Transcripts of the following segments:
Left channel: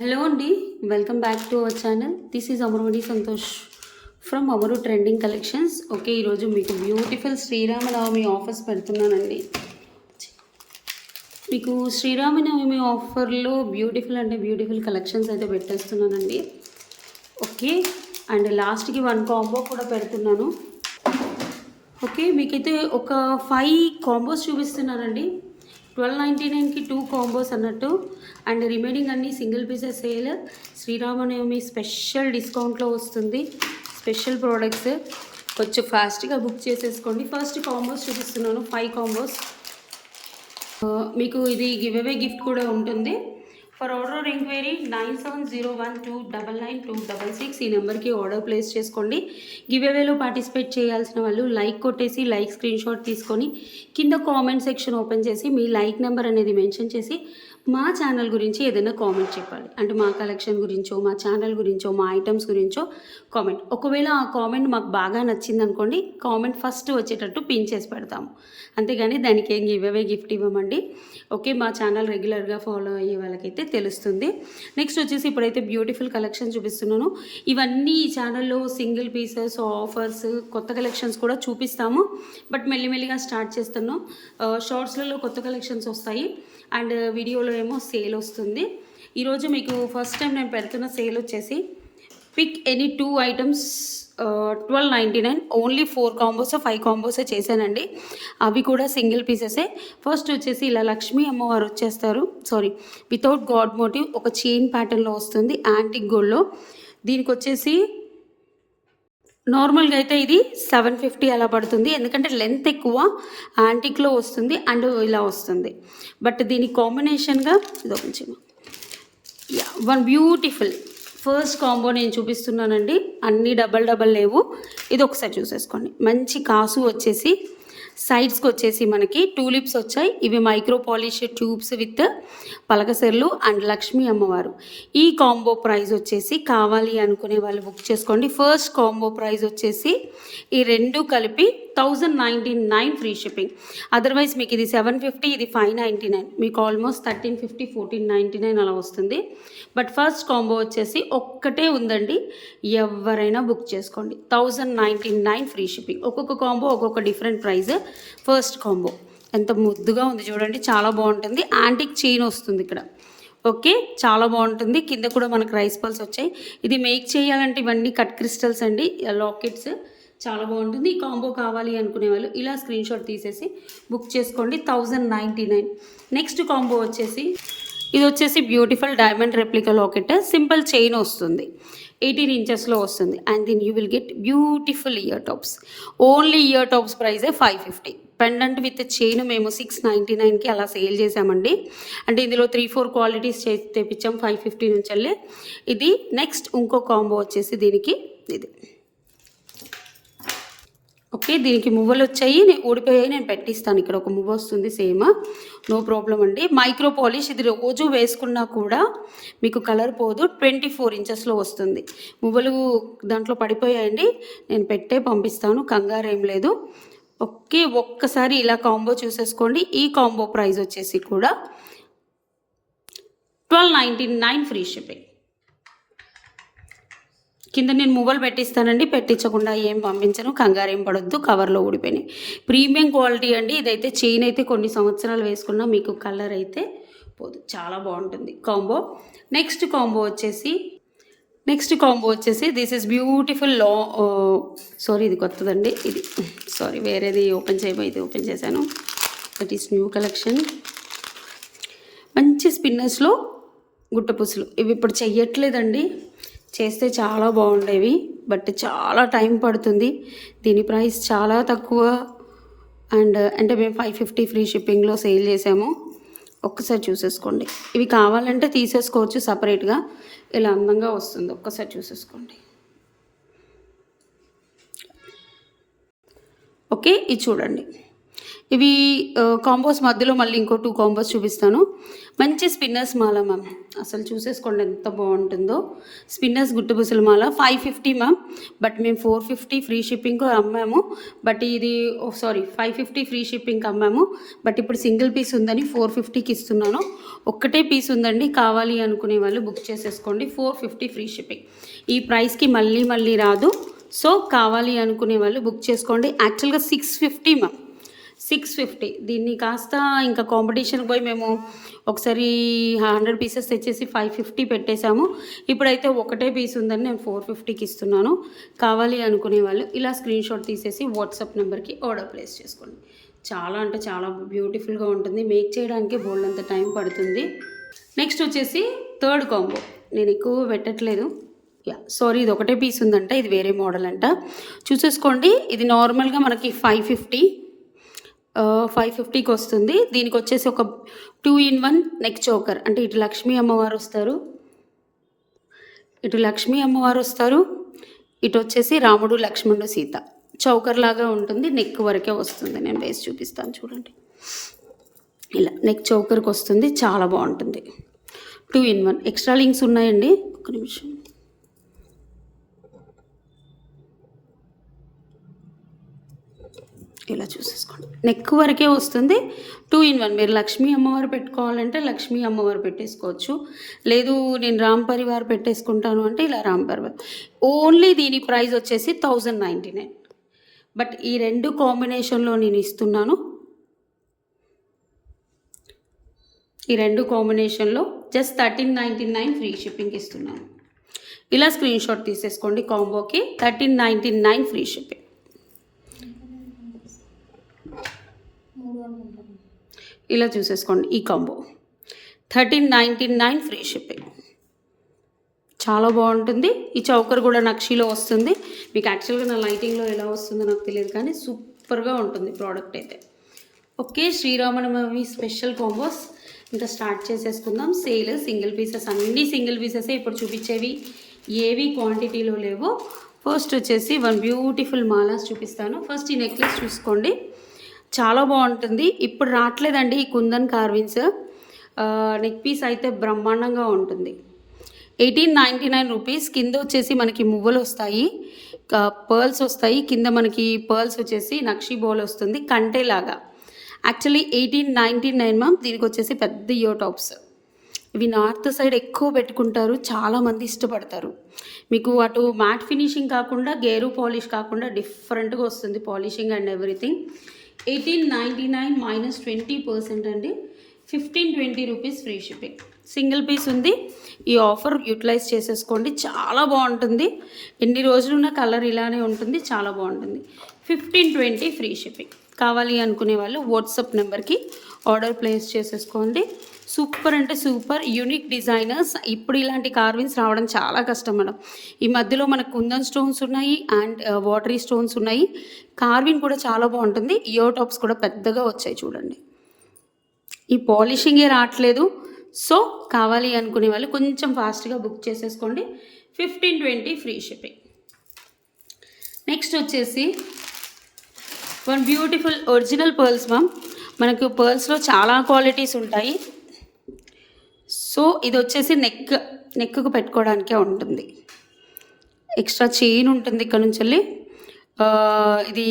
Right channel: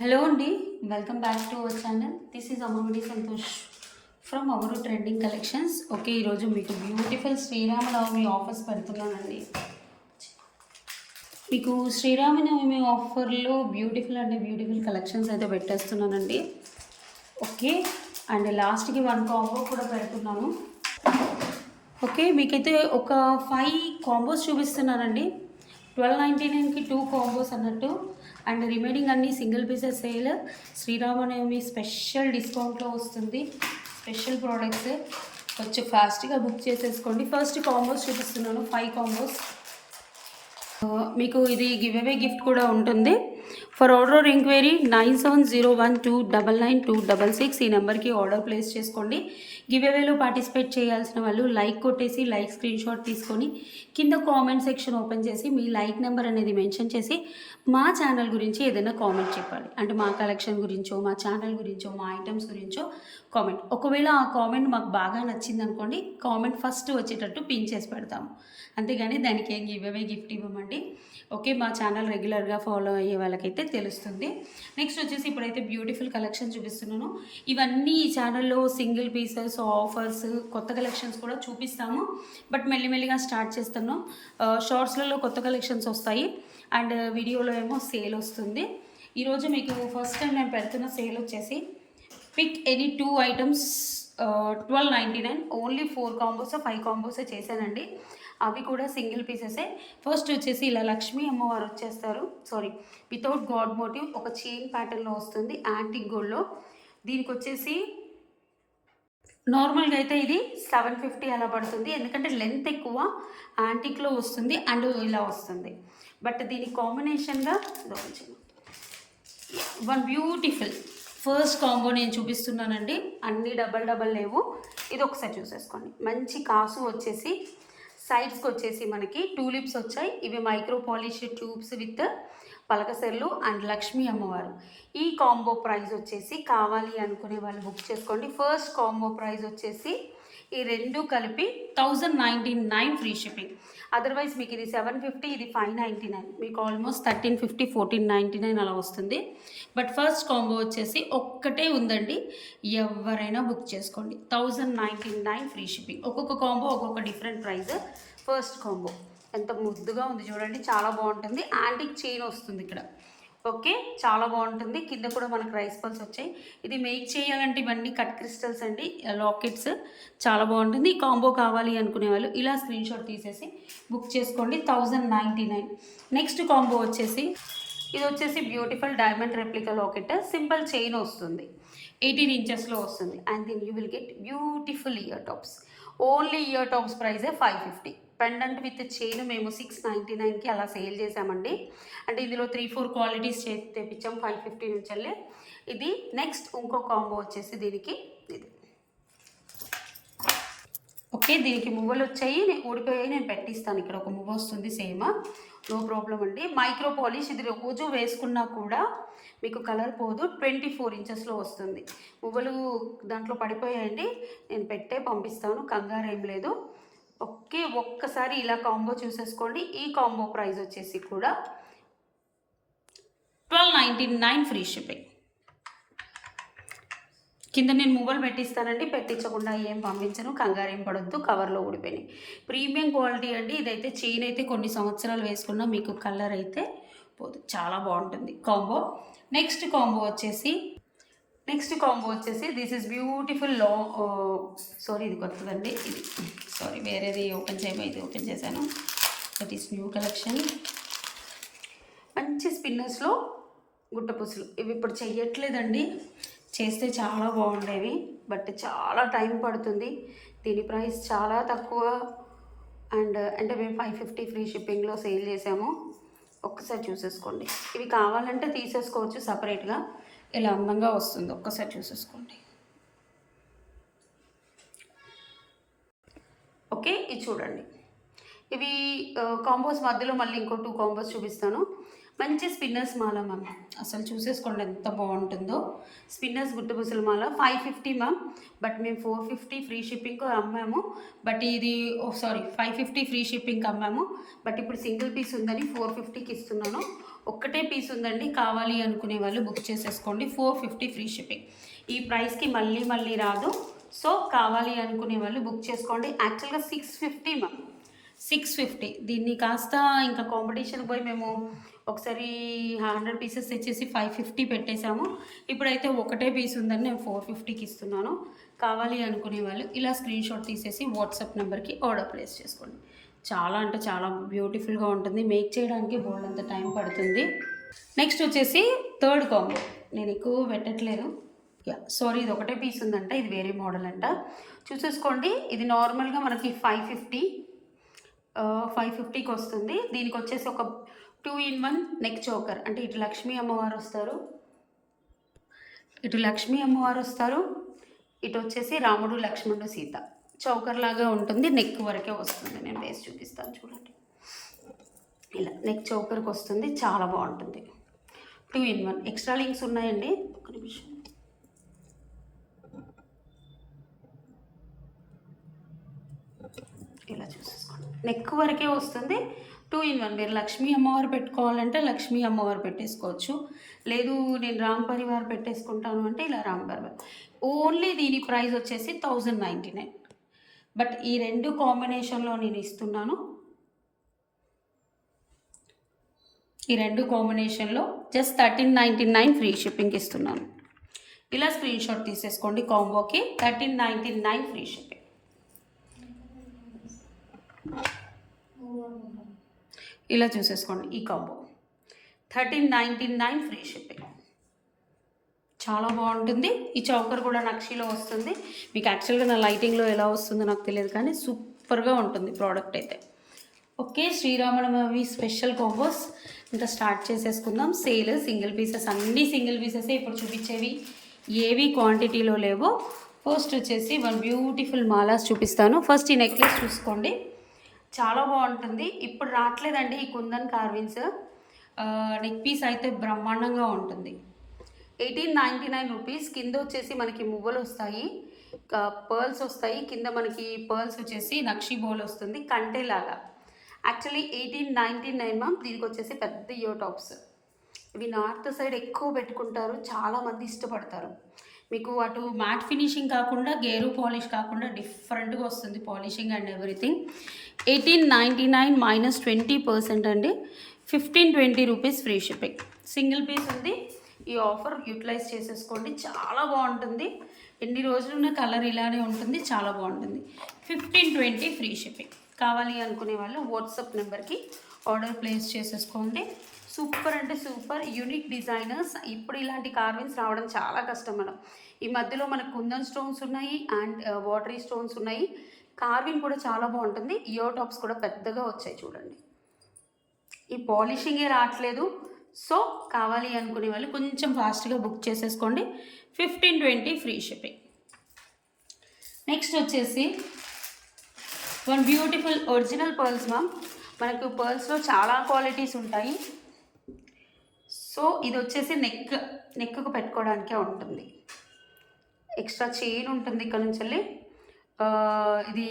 Hello అండి. Welcome back to our channel. This is Amarvadi Santosh from Amaru trending collections. Okay, ఈరోజు మీకు beautiful Sri Rama Navami offers పెడుతున్నానండి. మీకు శ్రీరామనవమి ఆఫర్లో బ్యూటిఫుల్ కలెక్షన్స్ అయితే పెట్టేస్తున్నానండి. ఓకే, అండ్ లాస్ట్కి 1 కాంబో కూడా పెడుతున్నాను. ఓకే, మీకైతే ఒక 5 కాంబోస్ చూపిస్తున్నానండి. 1299కి 2 కాంబోస్ అన్నట్టు, అండ్ రిమైనింగ్ అన్ని single pieces sale. Sriramanavami special డిస్కౌంట్లో వస్తుంది. స్పెషల్ ప్రోడక్ట్స్ కొంచెం ఫాస్ట్గా బుక్ చేసేసుకోండి. ఫస్ట్ కాంబోస్ చూపిస్తున్నాను, 5 కాంబోస్. మీకు ఇది గివ్ అవే గిఫ్ట్ కూడా ఉంటుంది. ఫర్ ఆర్డర్ ఎంక్వైరీ 9701299266 ఈ నెంబర్కి ఆర్డర్ ప్లేస్ చేసుకోండి. గివ్ అవేలో పార్టిసిపేట్ చేయాల్సిన వాళ్ళు లైక్ కొట్టేసి లైక్ స్క్రీన్ షాట్ తీసుకొని కింద కామెంట్ సెక్షన్ ఓపెన్ చేసి మీ లైక్ నెంబర్ అనేది మెన్షన్ చేసి మా ఛానల్ గురించి ఏదైనా కామెంట్ చెప్పాలి. అంటే మా కలెక్షన్ గురించో, మా ఛానల్ గురించో, మా ఐటమ్స్ గురించో కామెంట్. ఒకవేళ ఆ కామెంట్ మాకు బాగా నచ్చింది అనుకోండి, కామెంట్ ఫస్ట్ వచ్చేటట్టు పిన్ చేసి పెడతాము. అంతేగాని దానికి ఏం గివ్ అవే గిఫ్ట్ ఇవ్వమండి. ఓకే, మా ఛానల్ రెగ్యులర్గా ఫాలో అయ్యే వాళ్ళకైతే తెలుస్తుంది. నెక్స్ట్ వచ్చేసి ఇప్పుడైతే బ్యూటిఫుల్ కలెక్షన్ చూపిస్తున్నాను. ఇవన్నీ ఈ ఛానల్లో సింగిల్ పీసెస్, ఆఫర్స్, కొత్త కలెక్షన్స్ కూడా చూపిస్తాము. బట్ మెల్లిమెల్లిగా స్టార్ట్ చేస్తున్నాం. షార్ట్స్లలో కొత్త కలెక్షన్స్ వస్తాయి, అండ్ వీడియోలో ఏమో సేల్ వస్తుంది. ఈరోజు మీకు ఫస్ట్ టైం నేను పెడుతున్న సేల్ వచ్చేసి pick any 2 items 1299. Only 4 combos 5 కాంబోసే చేశానండి. అవి కూడా సింగిల్ పీసెసే. ఫస్ట్ వచ్చేసి ఇలా లక్ష్మీ అమ్మవారు వచ్చేస్తారు. వితౌట్ గాడ్ మోటివ్ ఒక చైన్ ప్యాటర్న్లో వస్తుంది, యాంటిక్ గోల్డ్లో. దీనికి వచ్చేసి నార్మల్గా అయితే ఇది 750 అలా పడుతుంది, ఎందుకంటే లెంత్ ఎక్కువ, యాంటిక్లో వస్తుంది అండ్ ఇలా వస్తుంది. బట్ దీనికి కాంబినేషన్గా ఇదో కొంచెం వన్ బ్యూటిఫుల్ ఫస్ట్ కాంబో నేను చూపిస్తున్నానండి. అన్నీ డబల్ లేవు. ఇది ఒకసారి చూసేసుకోండి. మంచి కాసు వచ్చేసి సైడ్స్కి వచ్చేసి మనకి టూలిప్స్ వచ్చాయి. ఇవి మైక్రో పాలిష్ ట్యూబ్స్ విత్ పలకసెర్లు అండ్ లక్ష్మీ అమ్మవారు. ఈ కాంబో ప్రైస్ వచ్చేసి కావాలి అనుకునే వాళ్ళు బుక్ చేసుకోండి. ఫస్ట్ కాంబో ప్రైస్ వచ్చేసి ఈ రెండు కలిపి 1099 ఫ్రీ షిప్పింగ్. అదర్వైజ్ మీకు ఇది 750, ఇది 599, మీకు ఆల్మోస్ట్ 1350, 1499 అలా వస్తుంది. బట్ ఫస్ట్ కాంబో వచ్చేసి ఒక్కటే ఉందండి, ఎవరైనా బుక్ చేసుకోండి. 1099 ఫ్రీ షిప్పింగ్. ఒక్కొక్క కాంబో ఒక్కొక్క డిఫరెంట్ ప్రైస్. ఫస్ట్ కాంబో ఎంత ముద్దుగా ఉంది చూడండి, చాలా బాగుంటుంది. యాంటిక్ చైన్ వస్తుంది ఇక్కడ. ఓకే, చాలా బాగుంటుంది. కింద కూడా మనకు రైస్ పల్స్ వచ్చాయి. ఇది మేక్ చేయాలంటే ఇవన్నీ కట్ క్రిస్టల్స్ అండి, లాకెట్స్. చాలా బాగుంటుంది. ఈ కాంబో కావాలి అనుకునే వాళ్ళు ఇలా స్క్రీన్ షాట్ తీసేసి బుక్ చేసుకోండి. 1099. నెక్స్ట్ కాంబో వచ్చేసి ఇది వచ్చేసి beautiful diamond replica locket, simple chain వస్తుంది, 18 ఇంచెస్లో వస్తుంది. And then you will get beautiful ear tops. Only ear tops ప్రైజే 550. పెండెంట్ విత్ చైన్ మేము 699కి అలా సేల్ చేసామండి. అంటే ఇందులో 3-4 క్వాలిటీస్ తెప్పించాం 550 నుంచి వెళ్ళి. ఇది నెక్స్ట్ ఇంకో కాంబో వచ్చేసి దీనికి ఇది. ఓకే, దీనికి మువ్వలు వచ్చాయి, ఊడిపోయాయి, నేను పెట్టిస్తాను. ఇక్కడ ఒక మువ్వ వస్తుంది సేమ్, నో ప్రాబ్లం అండి. మైక్రో పాలిష్, ఇది రోజు వేసుకున్నా కూడా మీకు కలర్ పోదు. 24 ఇంచెస్లో వస్తుంది. మువ్వలు దాంట్లో పడిపోయాయండి, నేను పెట్టే పంపిస్తాను, కంగారు ఏం లేదు. ఓకే, ఒక్కసారి ఇలా కాంబో చూసేసుకోండి. ఈ కాంబో ప్రైస్ వచ్చేసి కూడా 1299 ఫ్రీ షిప్పింగ్. కింద నేను మువ్వలు పెట్టిస్తానండి, పెట్టించకుండా ఏం పంపించను, కంగారు ఏం పడొద్దు. కవర్లో ఊడిపోయినాయి. ప్రీమియం క్వాలిటీ అండి. ఇదైతే చైన్ అయితే కొన్ని సంవత్సరాలు వేసుకున్నా మీకు కలర్ అయితే పోదు, చాలా బాగుంటుంది కాంబో. నెక్స్ట్ కాంబో వచ్చేసి దిస్ ఈస్ బ్యూటిఫుల్ ఇది కొత్తదండి. ఇది వేరేది ఓపెన్ చేయబోయి ఇది ఓపెన్ చేశాను. That is new collection. మంచి స్పిన్నర్స్లో గుట్టపుసులు. ఇవి ఇప్పుడు చెయ్యట్లేదండి, చేస్తే చాలా బాగుండేవి, బట్ చాలా టైం పడుతుంది. దీని ప్రైస్ చాలా తక్కువ, అండ్ అంటే మేము 550 ఫ్రీ షిప్పింగ్లో సేల్ చేసాము. ఒక్కసారి చూసేసుకోండి. ఇవి కావాలంటే తీసేసుకోవచ్చు సపరేట్గా, ఇలా అందంగా వస్తుంది. ఒక్కసారి చూసేసుకోండి. ఓకే, ఇది చూడండి. ఇవి కాంబోస్ మధ్యలో మళ్ళీ ఇంకో 2 కాంబోస్ చూపిస్తాను. మంచి స్పిన్నర్స్ మాల మ్యామ్. అసలు చూసేసుకోండి ఎంత బాగుంటుందో. స్పిన్నర్స్ గుట్టుబుసల మాల 550 మ్యామ్. బట్ మేము 450 ఫ్రీ షిప్పింగ్కి అమ్మాము. బట్ ఇది 550 ఫ్రీ షిప్పింగ్కి అమ్మాము. బట్ ఇప్పుడు సింగిల్ పీస్ ఉందని 450కి ఇస్తున్నాను. ఒక్కటే పీస్ ఉందండి, కావాలి అనుకునే వాళ్ళు బుక్ చేసేసుకోండి. 450 ఫ్రీ షిప్పింగ్. ఈ ప్రైస్కి మళ్ళీ రాదు. సో కావాలి అనుకునే వాళ్ళు బుక్ చేసుకోండి. యాక్చువల్గా 650 మ్యామ్, 650. దీన్ని కాస్త ఇంకా కాంపిటీషన్కి పోయి మేము ఒకసారి 100 పీసెస్ తెచ్చేసి 550 పెట్టేశాము. ఇప్పుడైతే ఒకటే పీస్ ఉందని నేను 450కి ఇస్తున్నాను. కావాలి అనుకునే వాళ్ళు ఇలా స్క్రీన్ షాట్ తీసేసి వాట్సాప్ నెంబర్కి ఆర్డర్ ప్లేస్ చేసుకోండి. చాలా అంటే చాలా బ్యూటిఫుల్గా ఉంటుంది. మేక్ చేయడానికి బోల్డ్ అంత టైం పడుతుంది. నెక్స్ట్ వచ్చేసి థర్డ్ కాంబో. నేను ఎక్కువ పెట్టట్లేదు. ఇది ఒకటే పీస్ ఉందంట, ఇది వేరే మోడల్ అంట. చూసేసుకోండి. ఇది నార్మల్గా మనకి 550కి వస్తుంది. దీనికి వచ్చేసి ఒక 2-in-1 నెక్ చోకర్. అంటే ఇటు లక్ష్మీ అమ్మవారు వస్తారు, ఇటు వచ్చేసి రాముడు లక్ష్మణుడు సీత. చౌకర్ లాగా ఉంటుంది, నెక్ వరకే వస్తుంది. నేను వేసి చూపిస్తాను చూడండి. ఇలా నెక్ చౌకర్కి వస్తుంది, చాలా బాగుంటుంది. 2-in-1. ఎక్స్ట్రా లింక్స్ ఉన్నాయండి, ఒక నిమిషం. ఇలా చూసేసుకోండి, నెక్ వరకే వస్తుంది. 2-in-1. మీరు లక్ష్మీ అమ్మవారు పెట్టుకోవాలంటే లక్ష్మీ అమ్మవారు పెట్టేసుకోవచ్చు. లేదు నేను రామ్ పరివార్ పెట్టేసుకుంటాను అంటే ఇలా రామ్ పరివార్. ఓన్లీ దీని ప్రైస్ వచ్చేసి 1099. బట్ ఈ రెండు కాంబినేషన్లో నేను ఇస్తున్నాను. ఈ రెండు కాంబినేషన్లో జస్ట్ 1399 ఫ్రీ షిప్పింగ్ ఇస్తున్నాను. ఇలా స్క్రీన్ షాట్ తీసేసుకోండి. కాంబోకి 1399 ఫ్రీ షిప్పింగ్. ఇలా చూసేసుకోండి. ఈ కాంబో 1399 ఫ్రీ షిప్పింగ్. చాలా బాగుంటుంది. ఈ చౌకర్ కూడా నక్షీలో వస్తుంది. మీకు యాక్చువల్గా నా లైటింగ్లో ఎలా వస్తుందో నాకు తెలియదు, కానీ సూపర్గా ఉంటుంది ప్రోడక్ట్ అయితే. ఓకే, శ్రీరామనవమి స్పెషల్ కాంబోస్ ఇంకా స్టార్ట్ చేసేసుకుందాం. సేల్ సింగిల్ పీసెస్, అన్నీ సింగిల్ పీసెసే ఇప్పుడు చూపించేవి, ఏవి క్వాంటిటీలో లేవో. ఫస్ట్ వచ్చేసి 1 బ్యూటిఫుల్ మాలాస్ చూపిస్తాను. ఫస్ట్ ఈ నెక్లెస్ చూసుకోండి, చాలా బాగుంటుంది. ఇప్పుడు రావట్లేదండి ఈ కుందన్ కార్విన్స్. నెక్ పీస్ అయితే బ్రహ్మాండంగా ఉంటుంది. 1899 రూపీస్. కింద వచ్చేసి మనకి మువ్వలు వస్తాయి, పర్ల్స్ వస్తాయి. కింద మనకి పర్ల్స్ వచ్చేసి నక్షి బోల్ వస్తుంది కంటేలాగా. Actually 1899 ma'am. దీనికి వచ్చేసి పెద్ద ఇయర్ టాప్స్. ఇవి నార్త్ సైడ్ ఎక్కువ పెట్టుకుంటారు, చాలామంది ఇష్టపడతారు. మీకు అటు మ్యాట్ ఫినిషింగ్ కాకుండా గేరు పాలిష్ కాకుండా డిఫరెంట్గా వస్తుంది పాలిషింగ్ అండ్ ఎవ్రీథింగ్. 1899 మైనస్ 20% అండి. 1520 rupees free shipping. Single piece ఉంది. ఈ ఆఫర్ యూటిలైజ్ చేసేసుకోండి, చాలా బాగుంటుంది. ఎన్ని రోజులున్న కలర్ ఇలానే ఉంటుంది, చాలా బాగుంటుంది. 1520 ఫ్రీ షిప్పింగ్. కావాలి అనుకునే వాళ్ళు వాట్సాప్ నెంబర్కి ఆర్డర్ ప్లేస్ చేసేసుకోండి. సూపర్ అంటే సూపర్ యూనిక్ డిజైనర్స్. ఇప్పుడు ఇలాంటి కార్విన్స్ రావడం చాలా కష్టం మేడం. ఈ మధ్యలో మనకు కుందన్ స్టోన్స్ ఉన్నాయి అండ్ వాటరీ స్టోన్స్ ఉన్నాయి. కార్విన్ కూడా చాలా బాగుంటుంది. ఇయర్ టాప్స్ కూడా పెద్దగా వచ్చాయి చూడండి. ఈ పాలిషింగే రావట్లేదు. సో కావాలి అనుకునే వాళ్ళు కొంచెం ఫాస్ట్గా బుక్ చేసేసుకోండి. 1520 ఫ్రీ షిప్పింగ్. నెక్స్ట్ వచ్చేసి 1 బ్యూటిఫుల్ ఒరిజినల్ పర్ల్స్ మ్యామ్. మనకు పర్ల్స్లో చాలా క్వాలిటీస్ ఉంటాయి. సో ఇది వచ్చేసి నెక్కు పెట్టుకోవడానికే ఉంటుంది. ఎక్స్ట్రా చైన్ ఉంటుంది ఇక్కడ నుంచి వెళ్ళి. ఇది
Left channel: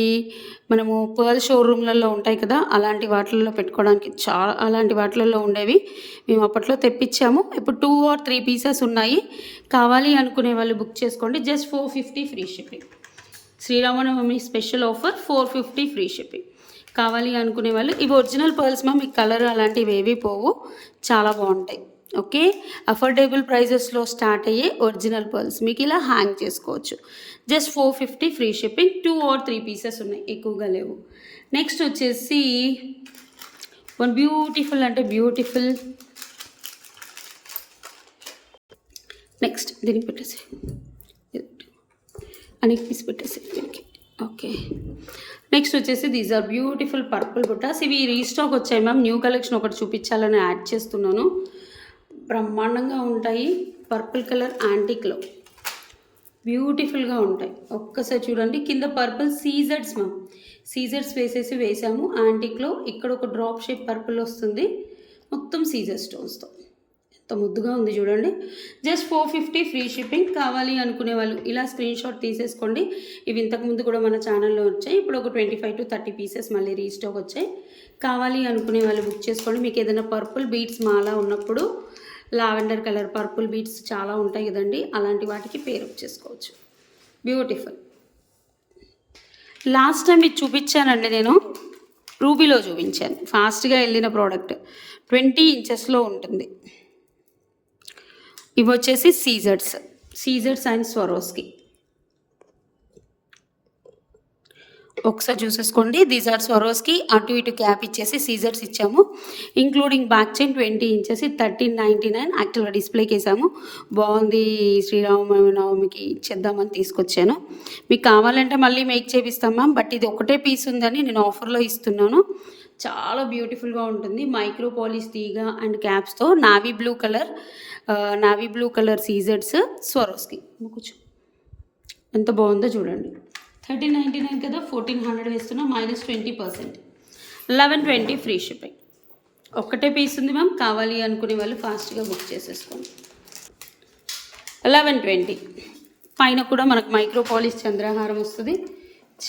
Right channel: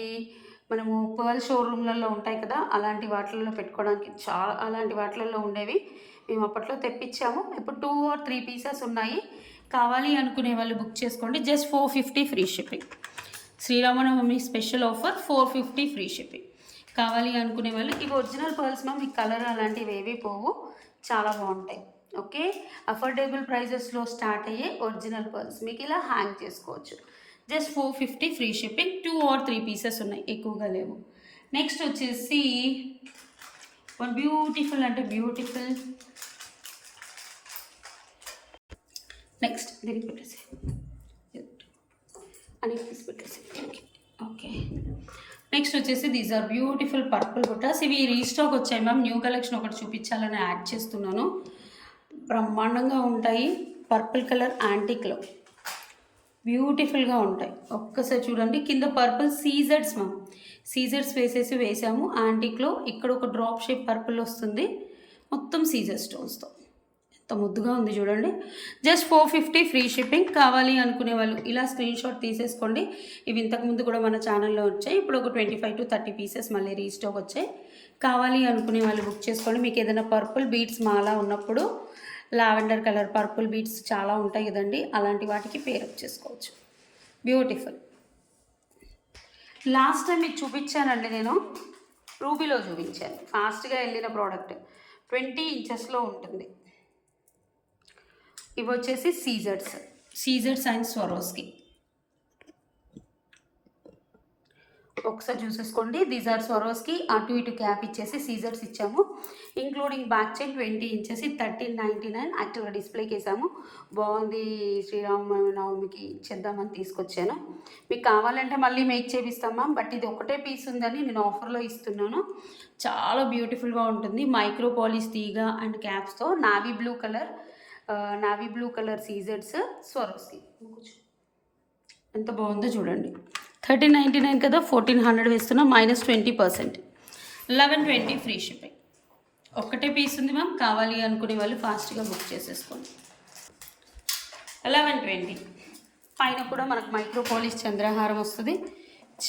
మనము పర్ల్ షోరూమ్లలో ఉంటాయి కదా, అలాంటి వాటిల్లో పెట్టుకోవడానికి అలాంటి వాటిల్లో ఉండేవి మేము అప్పట్లో తెప్పించాము. ఇప్పుడు 2 or 3 పీసెస్ ఉన్నాయి. కావాలి అనుకునే వాళ్ళు బుక్ చేసుకోండి. Just 450 free shipping. Sriramanavami special offer 450 free shipping. కావాలి అనుకునే వాళ్ళు ఇవి ఒరిజినల్ పర్ల్స్ మ్యామ్. మీకు కలర్ అలాంటివి ఏవి పోవు, చాలా బాగుంటాయి. ఓకే, అఫోర్డబుల్ ప్రైజెస్లో స్టార్ట్ అయ్యే ఒరిజినల్ పర్ల్స్ మీకు ఇలా హ్యాంగ్ చేసుకోవచ్చు. Just 450 free shipping. 2 or 3 pieces ఉన్నాయి, ఎక్కువగా లేవు. నెక్స్ట్ వచ్చేసి 1 బ్యూటిఫుల్ అంటే బ్యూటిఫుల్. నెక్స్ట్ దీనికి పెట్టేసి అని పీస్ పెట్టేసి. ఓకే, నెక్స్ట్ వచ్చేసి దీస్ ఆర్ బ్యూటిఫుల్ పర్పుల్ బుట్టాస్. ఇవి రీస్టాక్ వచ్చాయి మ్యామ్. న్యూ కలెక్షన్ ఒకటి చూపించాలని యాడ్ చేస్తున్నాను. బ్రహ్మాండంగా ఉంటాయి. పర్పుల్ కలర్ యాంటిక్లో బ్యూటిఫుల్గా ఉంటాయి. ఒక్కసారి చూడండి, కింద పర్పుల్ సీజర్స్ మ్యామ్, సీజర్స్ వేసాము యాంటిక్లో. ఇక్కడ ఒక డ్రాప్ షేప్ పర్పుల్ వస్తుంది, మొత్తం సీజర్ స్టోన్స్తో. ఎంత ముద్దుగా ఉంది చూడండి. Just 450 free shipping. కావాలి అనుకునే వాళ్ళు ఇలా స్క్రీన్ షాట్ తీసేసుకోండి. ఇవి ఇంతకుముందు కూడా మన ఛానల్లో వచ్చాయి. ఇప్పుడు ఒక 25 to 30 పీసెస్ మళ్ళీ రీస్టాక్ వచ్చాయి. కావాలి అనుకునే వాళ్ళు బుక్ చేసుకోండి. మీకు ఏదైనా పర్పుల్ బీడ్స్ మాల ఉన్నప్పుడు, లావెండర్ కలర్ పర్పుల్ బీడ్స్ చాలా ఉంటాయి కదండి, అలాంటి వాటికి పేరప్ చేసుకోవచ్చు. బ్యూటిఫుల్. లాస్ట్ టైం ఇది చూపించానండి, నేను రూబీలో చూపించాను. ఫాస్ట్గా వెళ్ళిన ప్రోడక్ట్ 20 ఇంచెస్లో ఉంటుంది. ఇవి వచ్చేసి సీజర్స్ అండ్ స్వరోస్కి. ఒకసారి చూసేసుకోండి. These are Swarovski. అటు ఇటు క్యాప్ ఇచ్చేసి సీజర్స్ ఇచ్చాము, ఇంక్లూడింగ్ బ్యాక్ చైన్ 20 ఇంచెస్. 1399 యాక్చువల్గా డిస్ప్లేకి వేసాము. బాగుంది, శ్రీరామనవమికి ఇచ్చేద్దామని తీసుకొచ్చాను. మీకు కావాలంటే మళ్ళీ మేక్ చేపిస్తాం మ్యామ్, బట్ ఇది ఒకటే పీస్ ఉందని నేను ఆఫర్లో ఇస్తున్నాను. చాలా బ్యూటిఫుల్గా ఉంటుంది. మైక్రో పాలిష్ తీగ అండ్ క్యాప్స్తో నావీ బ్లూ కలర్ సీజర్స్ స్వరోస్కి. కూర్చో, ఎంత బాగుందో చూడండి. 1399 కదా, 1400 వేస్తున్నా, -20%. 1120 ఫ్రీ షిప్పింగ్. ఒక్కటే పీస్ ఉంది మ్యామ్. కావాలి అనుకునే వాళ్ళు ఫాస్ట్గా బుక్ చేసేసుకోండి. 1120. పైన కూడా మనకు మైక్రో పాలిష్ చంద్రహారం వస్తుంది.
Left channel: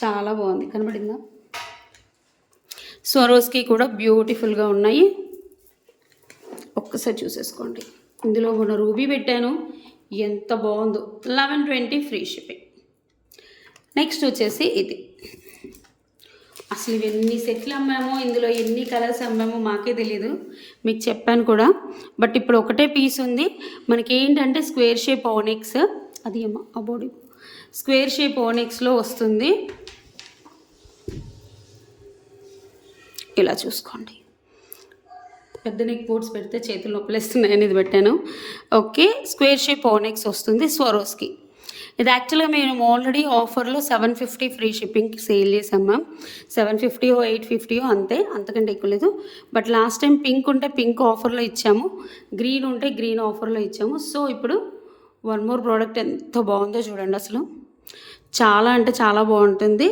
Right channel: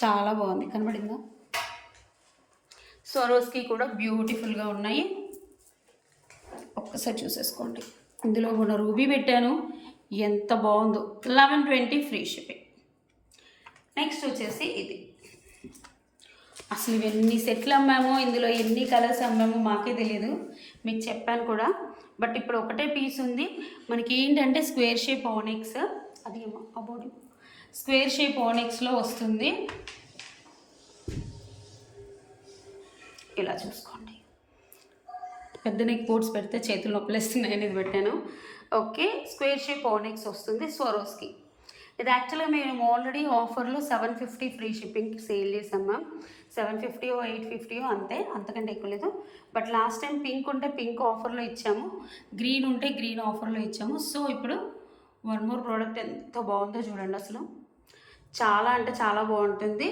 చాలా బాగుంది, కనబడిందా? స్వరోస్కి కూడా బ్యూటిఫుల్గా ఉన్నాయి. ఒక్కసారి చూసేసుకోండి. ఇందులో ఉన్న రూబీ పెట్టాను, ఎంత బాగుందో. 1120 ఫ్రీ షిప్పింగ్. నెక్స్ట్ వచ్చేసి ఇది. అసలు ఇవన్నీ సెట్లు అమ్మామో, ఇందులో ఎన్ని కలర్స్ అమ్మామో మాకే తెలియదు, మీకు చెప్పాను కూడా. బట్ ఇప్పుడు ఒకటే పీస్ ఉంది మనకి. ఏంటంటే స్క్వేర్ షేప్ ఓనెక్స్, అది ఏమో అబోడి స్క్వేర్ షేప్ ఓనెక్స్లో వస్తుంది. ఇలా చూసుకోండి. పెద్ద నెక్ బోర్డ్స్ పెడితే చేతులు నొప్పులేస్తున్నాయని ఇది పెట్టాను. ఓకే, స్క్వేర్ షేప్ ఓనెక్స్ వస్తుంది స్వరోస్కి. ఇది యాక్చువల్గా మేము ఆల్రెడీ ఆఫర్లో 750 ఫ్రీ షిప్పింగ్ సేల్ చేసాం మ్యామ్. 750 850 అంతే, అంతకంటే ఎక్కువ లేదు. బట్ లాస్ట్ టైం పింక్ ఉంటే పింక్ ఆఫర్లో ఇచ్చాము, గ్రీన్ ఉంటే గ్రీన్ ఆఫర్లో ఇచ్చాము. సో ఇప్పుడు వన్ మోర్ ప్రోడక్ట్ ఎంత బాగుందో చూడండి. అసలు చాలా అంటే చాలా బాగుంటుంది.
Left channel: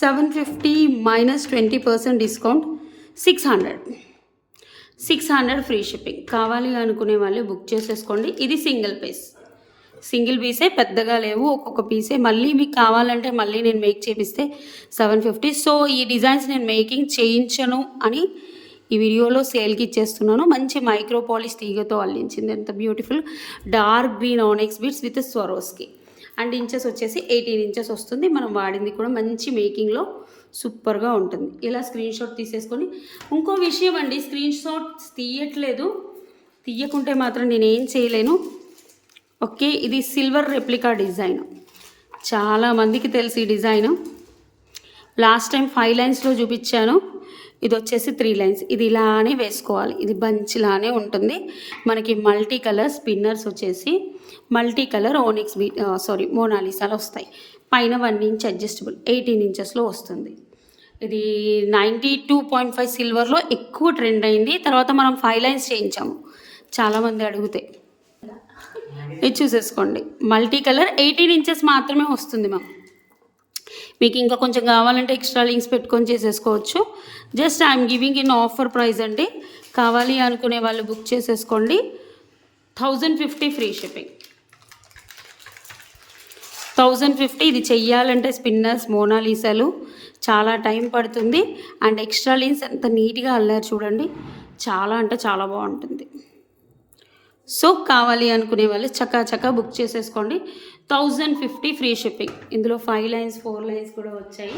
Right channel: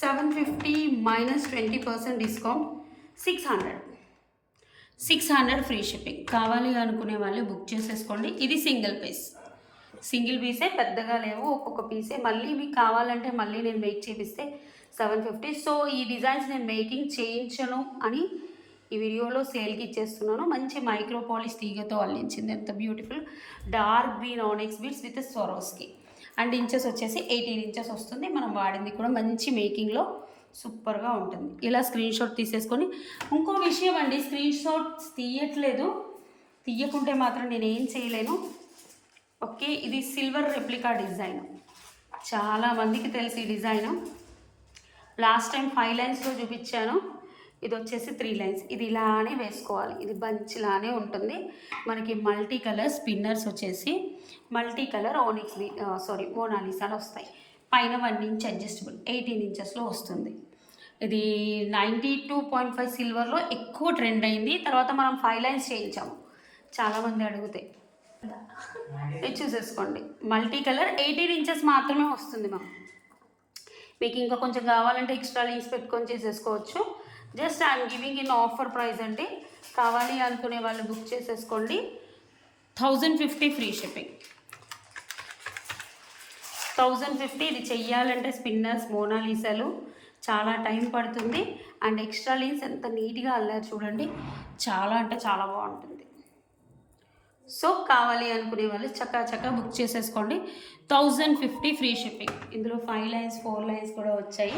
750 -20% డిస్కౌంట్, 600 ఫ్రీ షిప్పింగ్. కావాలి అనుకునే వాళ్ళు బుక్ చేసేసుకోండి. ఇది సింగిల్ పీసే, పెద్దగా లేవు, ఒక్కొక్క పీసే. మళ్ళీ మీకు కావాలంటే మళ్ళీ నేను మేక్ చేపిస్తే 750. సో ఈ డిజైన్స్ నేను మేకింగ్ చేయించను అని ఈ వీడియోలో సేల్కి ఇచ్చేస్తున్నాను. మంచి మైక్రో పాలిష్ తీగతో అల్లించింది, ఎంత beautiful. Dark green ఆనెక్స్ beads with Swarovski. And inches వచ్చేసి 18 ఇంచెస్ వస్తుంది. మనం వాడింది కూడా మంచి మేకింగ్లో సూపర్గా ఉంటుంది. ఇలా స్క్రీన్ షాట్ తీసేసుకొని. ఇంకో విషయం అండి, స్క్రీన్ షాట్స్ తీయకుంటే మాత్రం నేను ఏం చేయలేను. ఓకే, ఇది సిల్వర్ రెప్లికా డిజైన్. చాలామందికి తెలుసు ఈ డిజైను. లాస్ట్ టైం 5 లైన్స్లో చూపించాను. ఇది వచ్చేసి 3 లైన్స్. ఇది ఇలానే వేసుకోవాలి, ఇది బంచ్లానే ఉంటుంది. మనకి మల్టీ కలర్ స్పిన్నర్స్ వచ్చేసి మల్టీ కలర్ ఓనిక్స్ మోనాలిసాలు వస్తాయి. పైన 1 ఇంచ్ అడ్జస్టబుల్ 18 ఇంచెస్లో వస్తుంది. ఇది 92.5 సిల్వర్లో ఎక్కువ ట్రెండ్ అయింది. తర్వాత మనం 5 లైన్స్ చేయించాము, చాలామంది అడిగితే. ఇది చూసేసుకోండి, మల్టీ కలర్ 18 ఇంచెస్ మాత్రమే వస్తుంది మ్యామ్. మీకు ఇంకా కొంచెం కావాలంటే ఎక్స్ట్రా లింక్స్ పెట్టుకొని చేసేసుకోవచ్చు. Just I'm giving in offer price అండి. కావాలి అనుకునే వాళ్ళు బుక్ చేసేసుకోండి. 1050 ఫ్రీ షిప్పింగ్. 1050. ఇది చెయ్యాలంటే స్పిన్నర్స్ మోనాలిసాలు చాలా టైం పడుతుంది. అండ్ ఎక్స్ట్రా లింక్స్ ఎంత నీట్గా అల్లారు చూడండి, చాలా అంటే చాలా బాగుంటుంది. సో కావాలి అనుకునే వాళ్ళు చకా బుక్ చేసేసుకోండి. 1050 ఫ్రీ షిప్పింగ్. ఇందులో 5 లైన్స్ 4 లైన్స్ కూడా వచ్చాయి.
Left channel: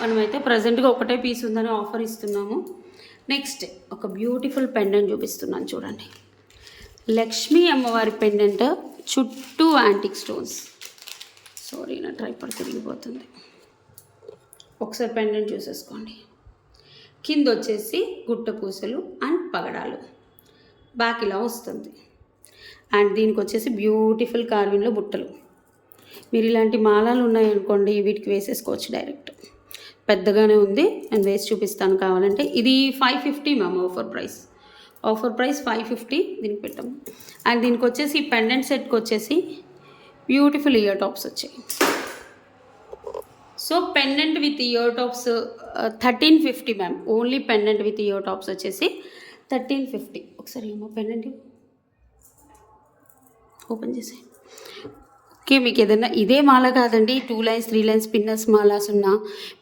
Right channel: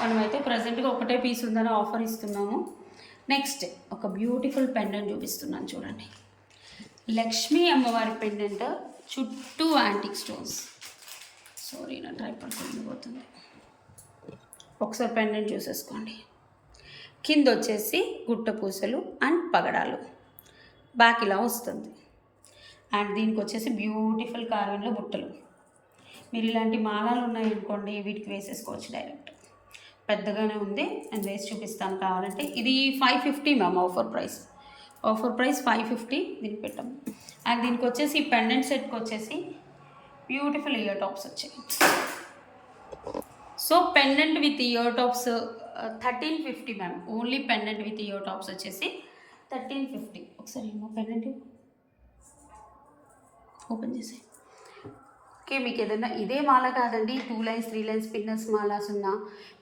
మనమైతే ప్రజెంట్గా ఒకటే పీస్ ఉందని ఆఫర్ ఇస్తున్నాము. నెక్స్ట్ ఒక బ్యూటిఫుల్ పెండెంట్ చూపిస్తున్నాను చూడండి. లక్ష్మీ అమ్మవారి పెండెంట్, చుట్టూ యాంటిక్ స్టోన్స్. సారీ, నా ట్రైపాడ్ తిరిగిపోతుంది. ఒకసారి పెండెంట్ చూసేసుకోండి. కింద వచ్చేసి గుట్ట పూసలు అండ్ పగడాలు, బ్యాక్ ఇలా వస్తుంది. అండ్ దీనికి వచ్చేసి బ్యూటిఫుల్ కార్విన్లో బుట్టలు. మీరు ఇలాంటి మాలలు ఉన్నాయనుకోండి, వీటికి వేసేసుకోవచ్చు డైరెక్ట్. పెద్దగానే ఉంది, నేను వేసి చూపిస్తాను కావాలంటే. ఇది 550 మ్యామ్, ఆఫర్ ప్రైస్ 550 దీనికి పెట్టాము. అండ్ దీనికి వచ్చేసి పెండెంట్ సెట్కి వచ్చేసి బ్యూటిఫుల్ ఇయర్ టాప్స్ వచ్చాయి. So pendant with ear tops 1350 ma'am. Only pendant with ear tops వచ్చేసి 1350. ఒకసారి ఏమో పెండెంట్ ఓపెన్ చేసి. ఓకే, మీకు ఏదైనా ఇదే మాల కాదండి, 2 లైన్స్ 3 లైన్స్ పిన్నర్స్ మాలాస్ ఉన్నా,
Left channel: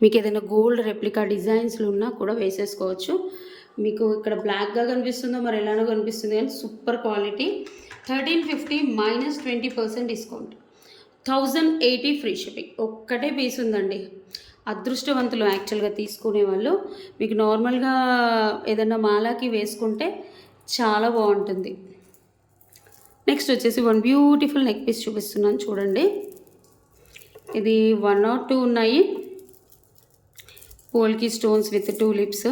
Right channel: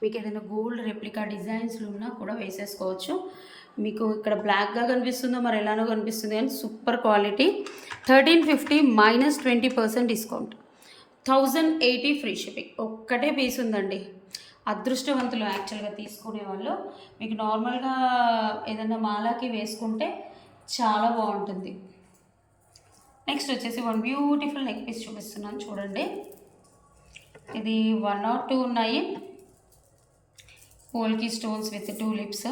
మీకు ఏదైనా గోల్డ్ రెప్లికా డిజైన్స్లు ఉన్నా కూడా వేసేసుకోవచ్చు. మీకు ఇక్కడ బ్లాక్గా కనిపిస్తుందో మరి ఎలానో కనిపిస్తుంది కానీ super quality. 1350 minus 20% discount, 1080 free shipping. ఒక్కటే పీస్ ఉందండి. అదృష్టవంతులు యాక్చువల్గా తీసుకునే వాళ్ళు. మీకు నార్మల్గా ఏదైనా మాలాకి వేసుకుంటే చాలా బాగుంటుంది. నెక్స్ట్ వచ్చేసి వన్ బ్యూటిఫుల్ నెక్ పీస్ చూపిస్తున్నాను చూడండి. ఇది 1 or 2 ఉన్నాయి. పోల్కి స్టోన్స్ విత్ టూలిప్స్.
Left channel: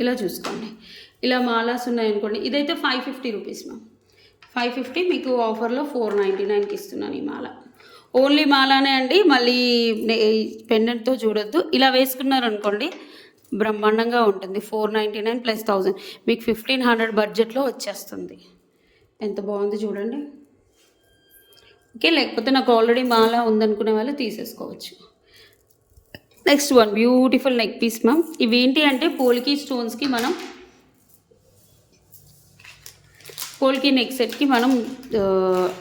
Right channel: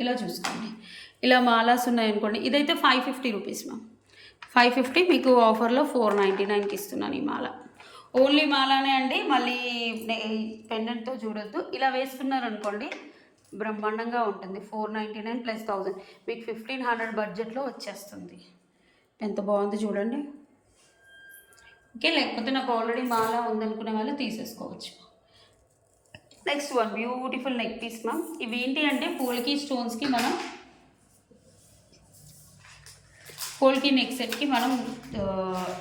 ఇలా చూసుకోండి, ఇలా మాలాస్ ఉన్నాయనుకోండి. ఇదైతే 550 రూపీస్ మ్యామ్. 550 మీకు ఆఫర్లో 499కి ఇస్తున్నాను ఈ మాల. ఓన్లీ మాలానే అండి, మళ్ళీ పెండెంట్తో చూడొద్దు. ఇలా వేసుకున్నారు అనుకోండి బ్రహ్మాండంగా ఉంటుంది. 499 ప్లస్ 1000 మీకు 1500 బడ్జెట్లో వచ్చేస్తుంది. ఎంత బాగుంది చూడండి. ఓకే, లేకపోతే నాకు ఆల్రెడీ మాల ఉందనుకునే వాళ్ళు తీసేసుకోవచ్చు. Next one beautiful neck piece ma'am. ఇవి ఏంటి అంటే పోల్కి స్టోన్స్కి మనం పోల్కి నెక్ సెట్కి మనం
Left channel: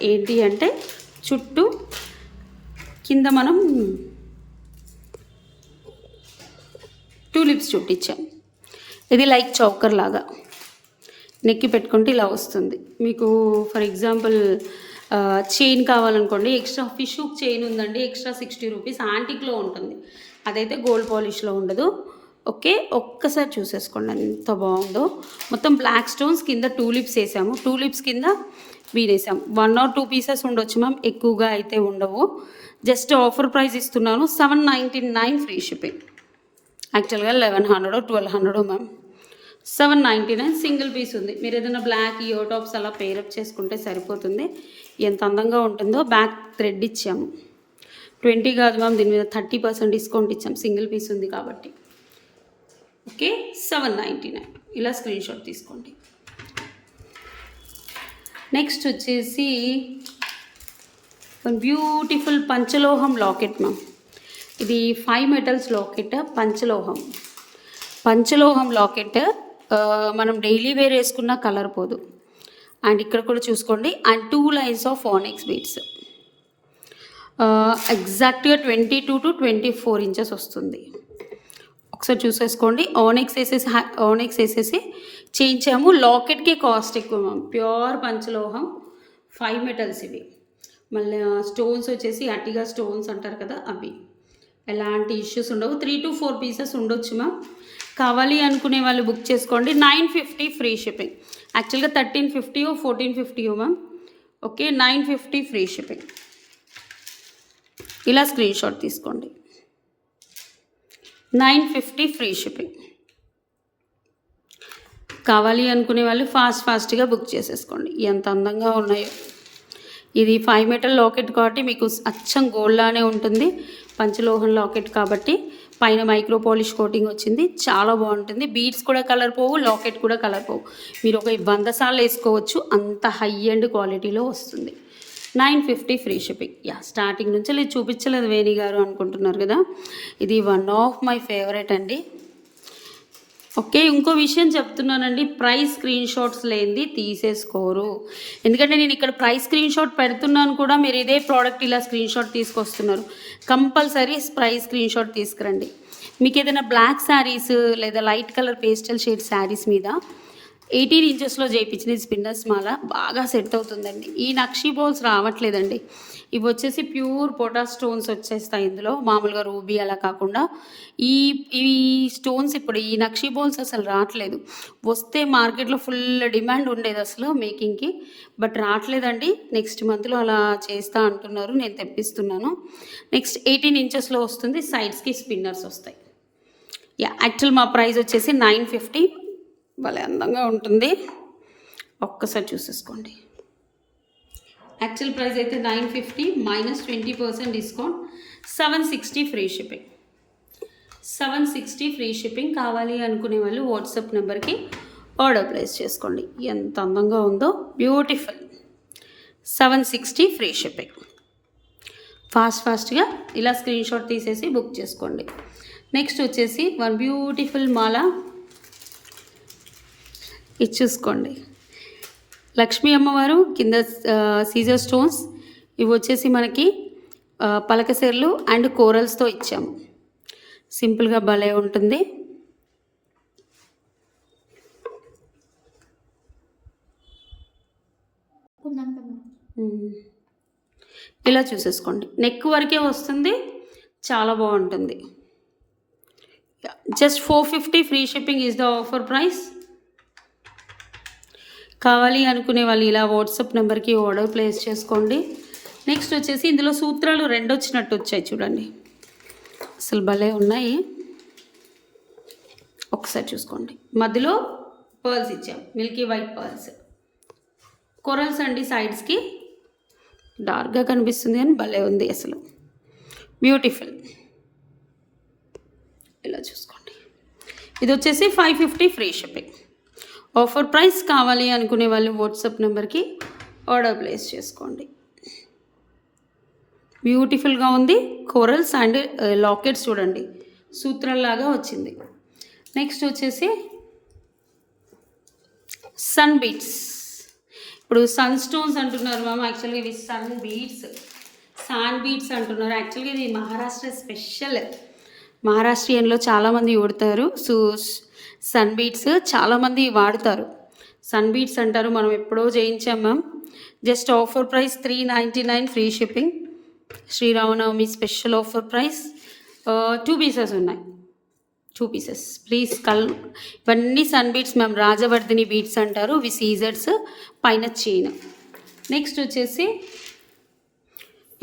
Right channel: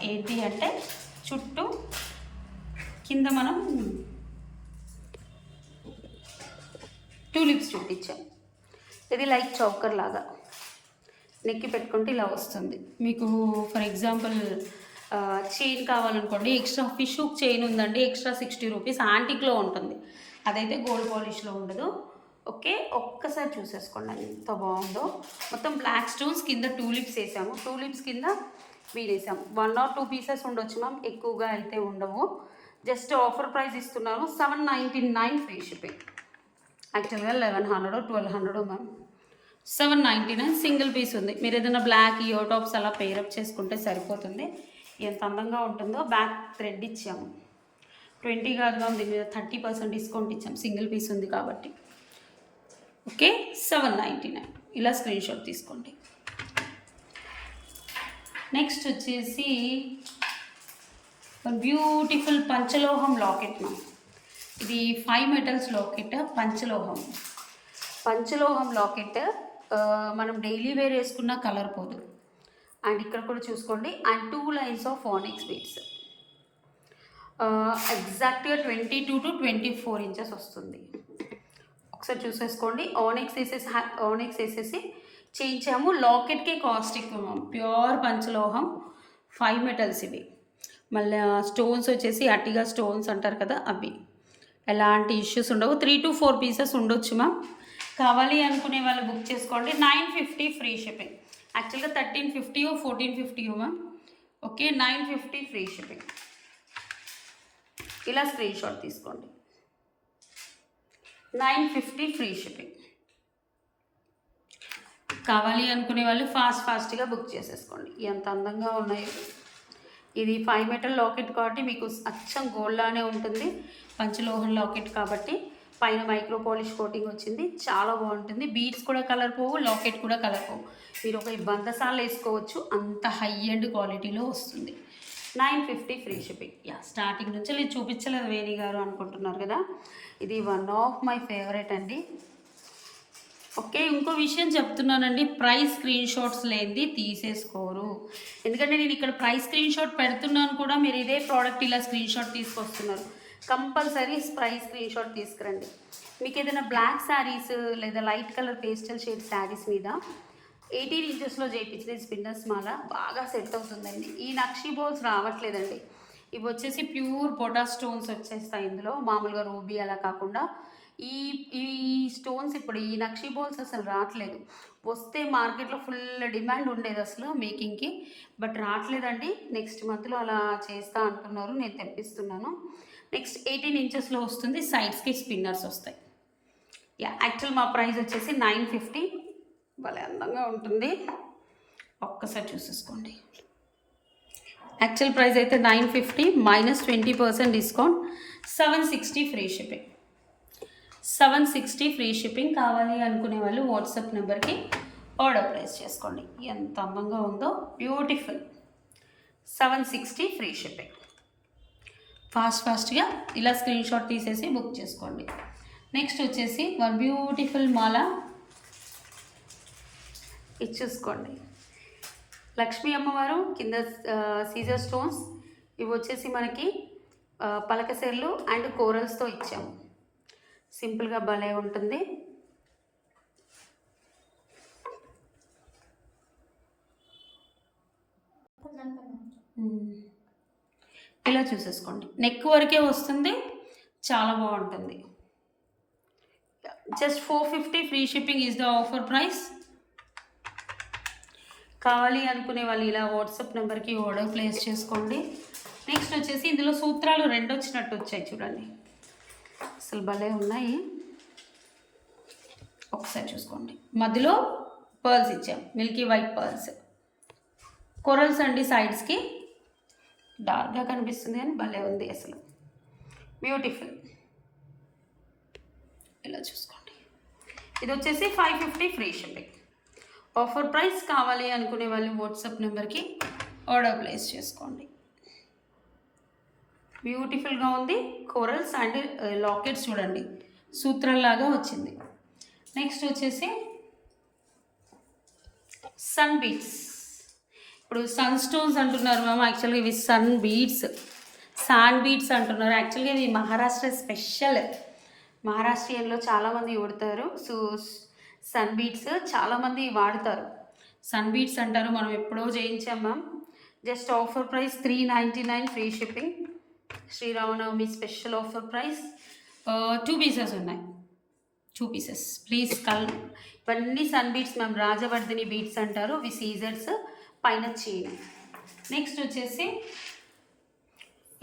ఏంటి అంటే చుట్టూ కింద మనం టూలిప్స్ చుట్టించాం. ఇది లైక్ చౌకర్ లాగా నెక్కి పెట్టుకుంటే ఇలా వస్తుంది. మీకు ఫర్ ఎగ్జాంపుల్ చైన్ కావాలనుకోండి, ఎక్స్ట్రా ఫిష్ హుక్ చైన్ ఉందండి, ఎక్స్ట్రా 60 రూపీస్. యాంటిక్లో ఉంటుంది, అదైతే గోల్డ్ పాలిష్లో ఉండదు. ఓకే, ఒక్కసారి చూసేసుకోండి ఎంత బాగుందో. మొత్తం బ్లాక్ స్టోన్స్ కింద టూలిప్స్ వేసాము, టూలిప్స్ కింద వీడేసాము. 1 or 2 పీసెస్ ఉండొచ్చు మ్యామ్, ఎక్కువగా అయితే ఉండవు. జస్ట్ ఆఫర్ ప్రైస్ ఇస్తున్నాను, 799 ఫ్రీ షిప్పింగ్. యాక్చువల్గా 1100 or 1200 మ్యామ్. 799 సింగిల్ పీస్ ఉంది. మీరు ఏదైనా బ్లాక్ ఇయర్ టాప్స్ అలా పేరప్ చేసుకుంటే సరిపోతుంది. ఎంత అందంగా ఉంటుందో. బ్యాక్ థ్రెడ్ ఇచ్చాము, 20 కాదు మ్యామ్, దీని మీద 30% డిస్కౌంట్ ఇచ్చాము, సింగిల్ పీస్ ఉంది కాబట్టి. ఓకే, 799. ఇలా స్క్రీన్ షాట్ తీసుకోండి. నెక్స్ట్ వచ్చేసి బ్యూటిఫుల్ పంచలోహం లాకెట్ మ్యామ్. ఇది 5 metals లాకెట్, పంచలోహం లాకెట్. మనం డైలీ వేర్ వేసుకున్న కలర్ పోదు. అండ్ ఇక్కడ కూడా చూసుకోండి, అండ్ 2 lines ఆఫ్ ఆనెక్స్ బీడ్స్. ఎగ్జాక్ట్గా 22 to 24 inches వస్తుంది. ఒకసారి చూసేసుకోండి. ఆనెక్స్ వేసేసి చేయించాము. లాకెట్కి కాస్ట్ ఎక్కువ మ్యామ్. ప్యూర్ పంచలోహం 5 metals ఇవి. మళ్ళీ స్టోన్స్ వచ్చేసి అట్టిగా స్టోన్స్ అంటారు కదా, అవి. ఎలాంటి ఇష్యూస్ ఉండవు. 3 to 4 pieces ఉండొచ్చు మ్యామ్. కావాలి అనుకునే వాళ్ళు బుక్ చేసుకోండి. 950 ఫ్రీ షిప్పింగ్. యాక్చువల్గా 1350 or 1450 ma'am. Okay, 950 free shipping. ఇలా స్క్రీన్ షాట్ తీసుకోండి. 950 ఫ్రీ షిప్పింగ్. కావాలి అనుకునే వాళ్ళు ఫాస్ట్గా బుక్ చేసేసుకోండి. ఎంత అందంగా ఉన్నాయో. ఇది 5 metal లాకెట్ కాబట్టి మీకు అచ్చం గోల్డ్లానే ఉంటుంది. పంచలోహం లాకెట్ కాబట్టి పైన మైక్రో పాలిష్ కోటింగ్ వచ్చింది, చాలా బాగుంటుంది. బీడ్స్ కూడా కలర్ పోవు, లాకెట్ కూడా కలర్ పోవు. మీరు ఒక 100 సార్లు వేసుకోవచ్చు, అంత హై అండ్ క్వాలిటీలో వస్తుంది. 950 ఫ్రీ షిప్పింగ్. స్టార్టింగ్ నుంచి అది చూపించలేదు వేణి గారు అనుకుంటున్నారు కదా, ఇది వన్ ఆఫ్ మై ఫేవరెట్ అండి. ఓకే, ఇంకో విషయం చెప్తున్నానండి, ప్రైస్ స్క్రీన్ షాట్స్ లేనిది తీసేసుకోరు. ఎందుకంటే నేను ఇక్కడ ప్రైస్ స్క్రీన్ షాట్ పెడుతున్నాను కూడా, మీరు ఇదే ప్రోడక్ట్ ఇలా స్క్రీన్ షాట్ తీసుకొస్తున్నారు. కంపల్సరీ ప్రైస్ స్క్రీన్ షాట్ తీసుకురండి. మీకు ఏదైనా బ్లాక్ శారీస్ లేదా light colour pastel shade saris మీద 18 inchesలో చేయించింది స్పిన్నర్స్ మాల బాగా సెట్ అవుతుందండి. ఈ నక్షీ బౌల్స్ రావట్లేదండి. ఇవి వచ్చేసి ప్యూర్ పొటాస్ స్టోన్స్ వచ్చేస్తాయి ఇందులో, మామూలుగా రూబీ అలా కాకుండా. ఈ స్టోన్స్ ఇప్పుడు ఈ నక్షీ బౌల్స్ అసలు రావట్లేదు. వస్తే మార్కెట్లో ఫుల్ డిమాండ్ ఉండేది అసలు మేకింగ్కి, బట్ రావట్లేదండి. నెక్స్ట్ మంత్లో అలా చేస్తా అంటున్నారు, నేను తెప్పిస్తున్నాను. నెక్స్ట్ 18 inchesలో వస్తుంది, సైడ్స్కి స్పిన్నర్స్ వస్తాయి. యాక్చువల్ మా ప్రైస్ వచ్చేసి 950. భలే అందంగా ఉంటుంది, ఒక్కసారి చూసేసుకోండి. యాక్చువల్ ప్రైస్ అయితే 950 minus 20% discount, 760 free shipping. 760 free shipping. కావాలి అనుకునే వాళ్ళు వాట్సాప్ నెంబర్కి ఆర్డర్ ప్లేస్ చేసుకోండి. ఎంత అందంగా ఉందో, బ్యూటిఫుల్. 760 free shipping. ఫాస్ట్గా ఇలా స్క్రీన్ షాట్ తీసేసి బుక్ చేసుకోండి. నెక్స్ట్ వచ్చేసి వన్ బ్యూటిఫుల్ మాల, ఇది చూసుకోండి. లక్ష్మీ అమ్మవారు కింద సీజర్ స్టోన్స్, ఇవి వచ్చేసి మనకి పలకసెర్లు అండ్ కోరల్స్తో ఇచ్చాము. సింపుల్గా భలే ఉంటుంది. ఇలా చూసేసుకోండి. నెక్ వరకే వస్తుంది, చాలా బాగుంటుంది. Just 450 free shipping is the offer price. కావాలి అనుకునే వాళ్ళు ఇలా వాట్సాప్ నెంబర్కి ఆర్డర్ ప్లేస్ చేసుకోండి. నెక్స్ట్ వచ్చేసి ఇందులో సూత్రాలు 2 వచ్చినట్టు వచ్చాయి చూడండి, అసలు భలే ఉన్నాయి. ఒకసారి చూసుకోండి. మధ్యలో పర్ల్స్ ఇచ్చాం, మిల్కీ వైట్ పర్ల్స్, కొరల్స్ అండి సైడ్స్కి. డార్క్గా కనిపిస్తుంది అని భలే ఉంది అసలు, బ్యూటిఫుల్. ఇలా చూసుకోండి. ఇది వచ్చేసి 550 ఫ్రీ షిప్పింగ్ ఆఫర్ ప్రైస్. కావాలి అనుకునే వాళ్ళు వాట్సాప్ నెంబర్కి ఆర్డర్ ప్లేస్ చేసుకోండి. బ్యూటిఫుల్గా ఉంది. కోరల్స్ అండ్ లాకెట్స్ చూడండి, సూత్రాల్లాగా వచ్చింది. నెక్స్ట్ వచ్చేసి సన్ బీట్స్. ఇప్పుడు సన్ స్టోన్స్ అంటున్నారు మ్యామ్, యాక్చువల్గా ఇవి సన్ బీట్స్, శాండ్ బీట్స్ అంటున్నారు. యాక్చువల్గా ఇది మహారాష్ట్ర స్పెషల్, మహారాష్ట్రియన్లో చాలామంది వాడతారు. సో సన్ బీట్స్ చాలామంది వాడతారు, సన్ బీట్స్ అంటారు. మనం ఎప్పుడో చేయించాం ma'am. Just offer price 399 free shipping. Sriramanavami special offer price. 2 pieces ఉన్నాయి, 2 పీసెస్ ప్లీజ్. ఇవన్నీ sun beads ma'am, Rajavardhini beads అంటారు. ఇవి సీజర్స్, పైన చైన్. నెక్స్ట్ వచ్చేసి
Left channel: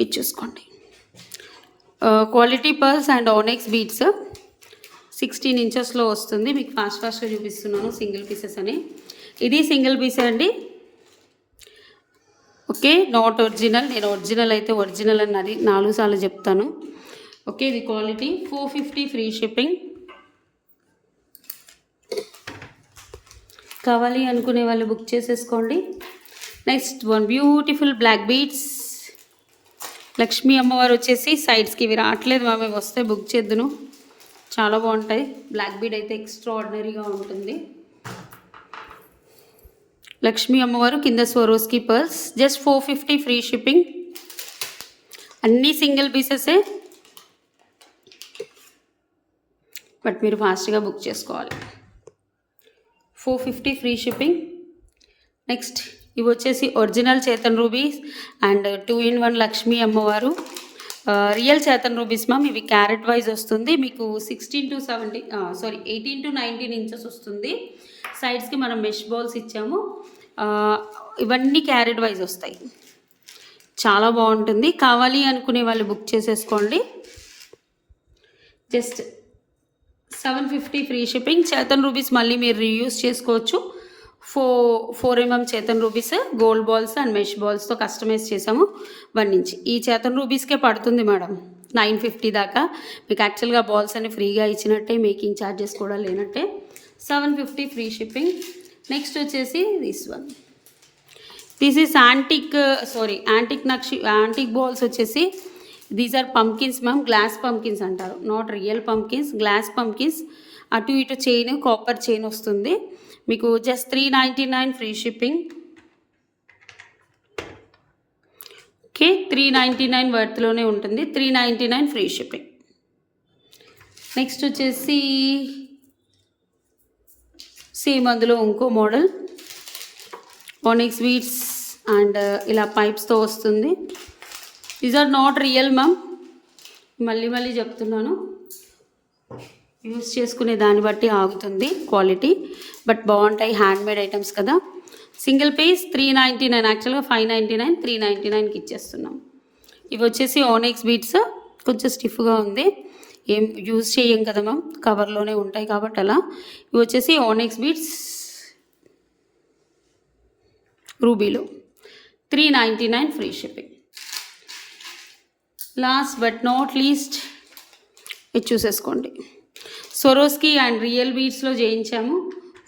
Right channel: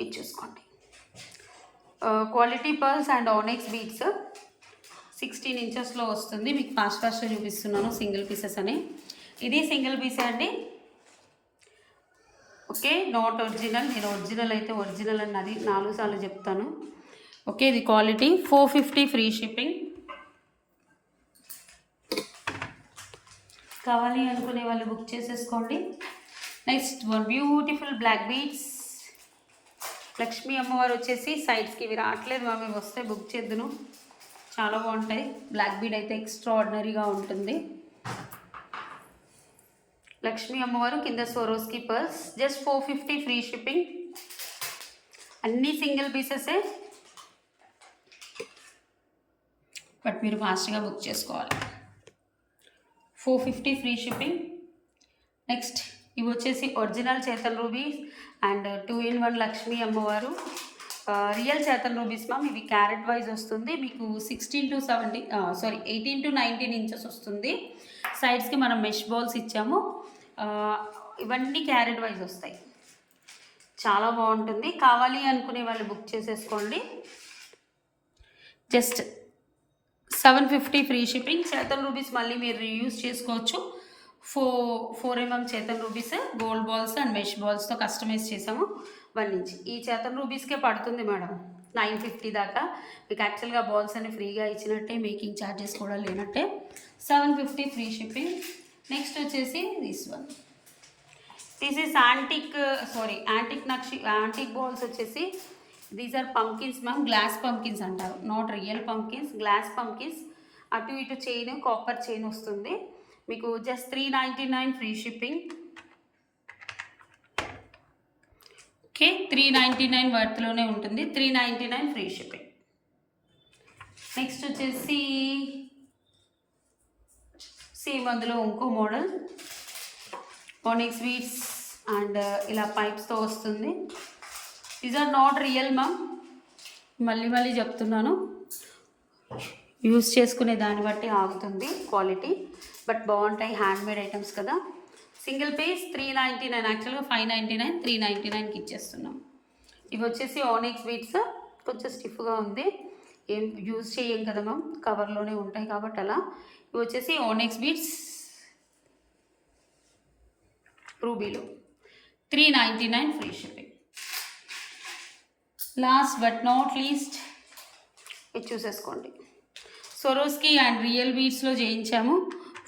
ఇది చూసుకోండి, quality pearls and onyx beads 16 ఇంచెస్లో వస్తుంది. మీకు ఫాస్ట్గా చూపిస్తున్నాను సింగిల్ పీసెస్ అని. ఇది సింగిల్ పీస్ అండి, ఓకే, నాట్ ఒరిజినల్. నేను ఒరిజినల్ అయితే ఒరిజినల్ అన్నది 4 సార్లు చెప్తాను. ఓకే, ఇది క్వాలిటీ. 450 free shipping. కావాలి అనుకునే వాళ్ళు బుక్ చేసేసుకోండి. Next one beautiful black beads. Lakshmi అమ్మవారు వచ్చేసి సైడ్స్కి ఇవి రావట్లేదు మామే, వస్తే బుక్ చేద్దును. చాలా బాగుంటాయి. బ్లాక్ బీడ్ అయితే ఎక్స్ట్రా ఆర్డినరీగా ఉంటుంది. లక్ష్మీ అమ్మవారు కింద Swarovski pearls. Just 450 free shipping. అన్నీ సింగిల్ పీసెసే, బట్ మీరు ఫాస్ట్గా బుక్ చేసుకోవాలి. 450 ఫ్రీ షిప్పింగ్. నెక్స్ట్ ఇవి వచ్చేసి original Chetan rubies and 2-in-1 Lakshmi అమ్మవారు రియల్ చేతన్ రూబీస్ మ్యామ్. ఇవి క్యారెట్ వైజ్ వస్తుంది మీకు. 18 to 19 ఇంచెస్ వస్తుంది. సైడ్స్కి మనం మెష్ బాల్స్ ఇచ్చాము. ఇవన్నీ క్యారెట్ వైజ్ వస్తాయి, చాలా బాగుంటుంది. కావాలి అనుకునే వాళ్ళు బుక్ చేసేసుకోండి. Just 750 free shipping. చేతన్ రూబీస్ మళ్ళీ మీరు రీయూజ్ చేసుకోవచ్చు. 4 mm చేతన్ rubies, gold balls and mesh బాల్స్తో కస్టమైజ్ చేసాము. 1 ఇంచ్ ఈ చేతన్ రూబీస్కే పడుతుంది మేడం 950 దాకా. మీకు యాక్చువల్గా బాల్స్ అన్ని ఫ్రీగా ఇచ్చినట్టే, మేకింగ్ ఛార్జెస్ కూడా లేనట్టే. 750 ఫ్రీ షిప్పింగ్. నెక్స్ట్ వచ్చేసి దిస్ ఈస్ యాంటిక్ బాల్స్ వచ్చేసి these are pumpkins ma'am. Glass pumpkins అంటారు, not real pumpkins, glass pumpkins. అటు ఇటు చైన్, కాపర్ చైన్ వస్తుంది మీకు. Just 399 free shipping. ఓకే, 399 వర్త్లోనే ఉంటుంది. 399 ఫ్రీ షిప్పింగ్. నెక్స్ట్ వచ్చేసి సేమ్ అందులో ఇంకో మోడల్ ఆనిక్స్ బీడ్స్ అండ్ ఇలా పైప్స్తో వస్తుంది. These are not real ma'am, మళ్ళీ చెప్తున్నాను. యూస్ చేసుకునే దాన్ని బట్టి ఆగుతుంది క్వాలిటీ, బట్ బాగుంటాయి. హ్యాండ్మేడ్ ఐటమ్స్ కదా. సింగిల్ పీస్ 399, యాక్చువల్గా 599, 399కి ఇచ్చేస్తున్నాం. ఇవి వచ్చేసి ఆనిక్స్ బీడ్స్, కొంచెం స్టిఫ్గా ఉంది, ఏం యూజ్ చేయం కదా మ్యామ్, కవర్లోనే ఉంటాయి కాబట్టి అలా. ఇవి వచ్చేసి ఆనిక్స్ బీడ్స్ రూబీలో 399 free shipping. Last but not least ఇది చూసేసుకోండి. స్వరోస్కి అండ్ రియల్ బీడ్స్లో చేయించాము.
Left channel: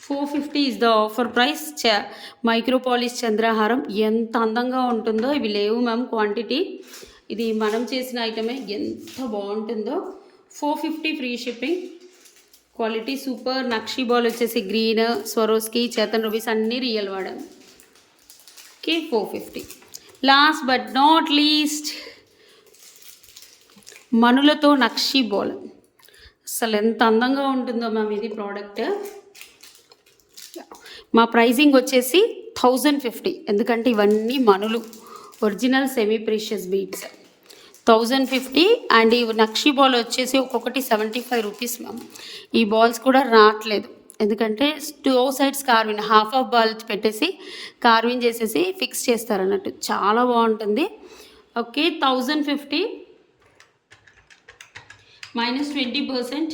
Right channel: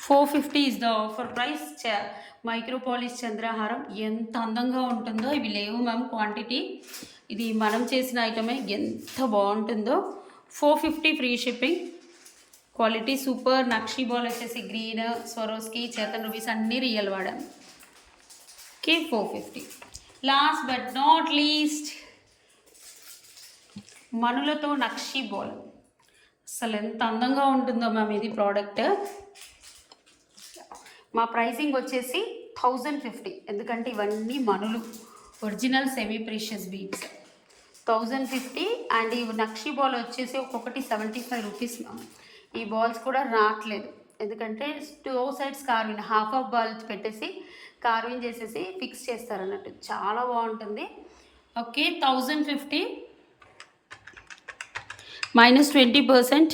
450 is the offer price. Micro polish చంద్రహారం ఎంత అందంగా ఉంటుందో. ఇవి లేవు మ్యామ్ క్వాంటిటీ, ఇది మనం చేసిన ఐటమే. ఎంత బాగుంటుందో. 450 ఫ్రీ షిప్పింగ్. Quality super. నక్షి బాల్ వచ్చేసి గ్రీన్, స్వరోస్కి, చేతన్ రూబీస్ అన్నీ రియల్ వాడాం. Okay 450. Last but not least మనులతో నక్షి బాల్. అసలు ఎంత అందంగా ఉంటుందో మ్యామ్ ఇది ప్రోడక్ట్. మా ప్రైజింగ్ వచ్చేసి 1050, ఎందుకంటే ఇవన్నీ మనులు, original semi precious beads. 1050. And ఈ నక్షి బాల్ వచ్చేసి ఒక్కొక్కటి 75 రూపీస్ మ్యామ్. ఈ బాల్స్ కూడా రావట్లేదు, ఎందుకంటే 2 సైడ్స్ కార్విన్, హాఫ్ ఆఫ్ బాల్ పెట్టేసి కార్విన్ చేసేసి ఫిక్స్ చేస్తారన్నట్టు. చాలా బాగుంటుంది. Okay 1050 minus 20%,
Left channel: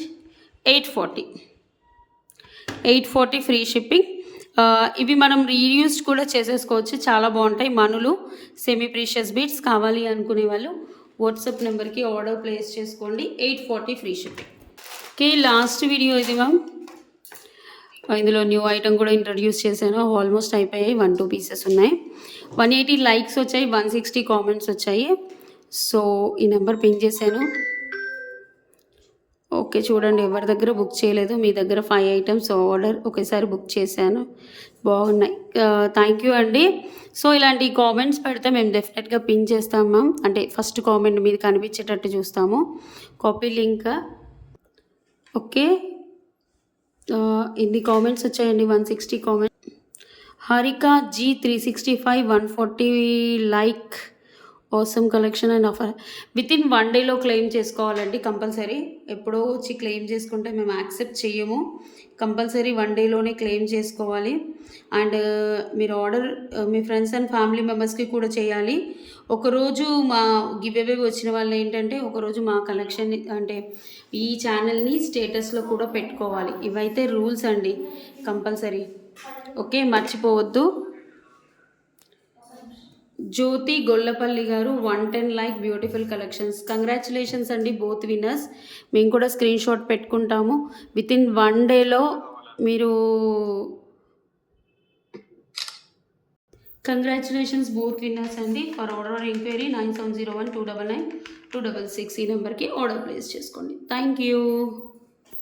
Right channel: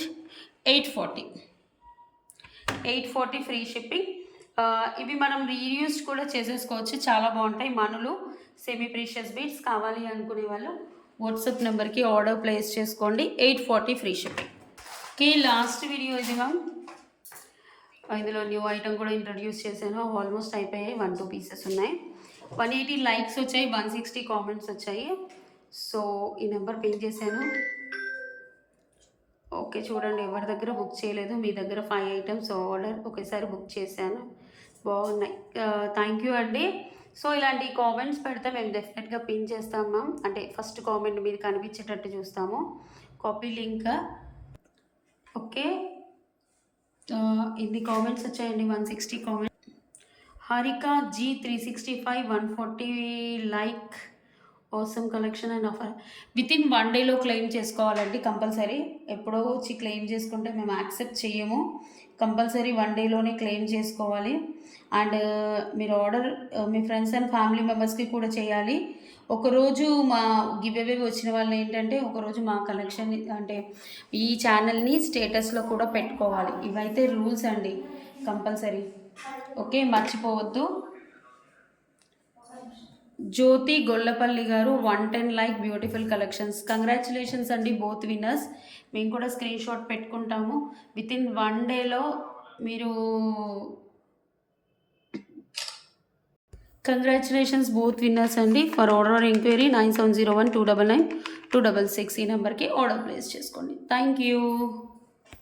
840. 840 free shipping. ఇవి మనం రీయూస్డ్ కూడా చేసేసుకోవచ్చు, చాలా బాగుంటాయి. మనులు సెమీ ప్రీషియస్ బీడ్స్ కావాలి అనుకునే వాళ్ళు వాట్సాప్ నెంబర్కి ఆర్డర్ ప్లేస్ చేసుకోండి. 840 free shipping. Okay last video ఇది మ్యామ్. ఇందులో న్యూ ఐటమ్ కూడా ఇంట్రడ్యూస్ చేశాను. ఆల్మోస్ట్ అయిపోయాయి, 1-2 పీసెస్ ఉన్నాయి. 180 లైక్స్ వచ్చాయి, 160 కామెంట్స్ వచ్చాయి. సో ఈ నెంబర్ పిన్ చేశాను. ఓకే చూడండి, ఎవరి దగ్గర బుక్ చేయలేదు, మీ దగ్గర 5 ఐటమ్స్ ఆర్డర్ ఒకేసారి బుక్ చేశాను. బాగున్నాయి. థ్యాంక్ యూ అండి. సో ఇలాంటి కామెంట్స్ పెడితే మేము డెఫినెట్గా పిన్ చేస్తాం మ్యామ్. అంటే ఫస్ట్ కామెంట్ మీద కనిపించేటట్టు చూస్తాము. Copy link. ఓకే ఇన్ని కామెంట్స్ వచ్చాయండి, 160 comments. Harika G365 140 like. Awesome collection and offer. Within 1 డేలో క్లెయిమ్ చేసుకోవాలండి కంపల్సరీ. ఎప్పుడో వచ్చి క్లెయిమ్ చేసుకుంటే మేము యాక్సెప్ట్ చెయ్యము. కంపల్సరీ 1 డేలోనే క్లెయిమ్ చేసుకోవాలి. అండ్ మీరు order me friends and family మెంబర్స్కి కూడా చేయాలి. ఒకరోజు మా గివ్ అవే వచ్చిన వాళ్ళు ఏంటంటే ఒకరోజు మా కలెక్షన్ అంటే ఈ ఛానల్ని స్టేటస్లో కూడా పెట్టుకోవాలి. ఇవైతే రూల్స్ అండి కంపల్సరీ. ఓకే మర్చిపోవద్దు. జ్యోతి గొల్లపల్లి గారు 110 లైక్. Beautiful collections. కంగ్రాచులేషన్స్ అండి బోత్ విన్నర్స్. మేము కూడా స్క్రీన్ షాట్ పెట్టుకుంటాము. వితిన్ 1 డేలో మీరు కంగ్రాచులేషన్స్ బోత్ విన్నర్స్ అండి. ఫర్ ఆర్డర్ ఎంక్వైరీ 9701 299 266 ఈ నెంబర్కి ఆర్డర్ ప్లేస్ చేసుకోండి. Thank you.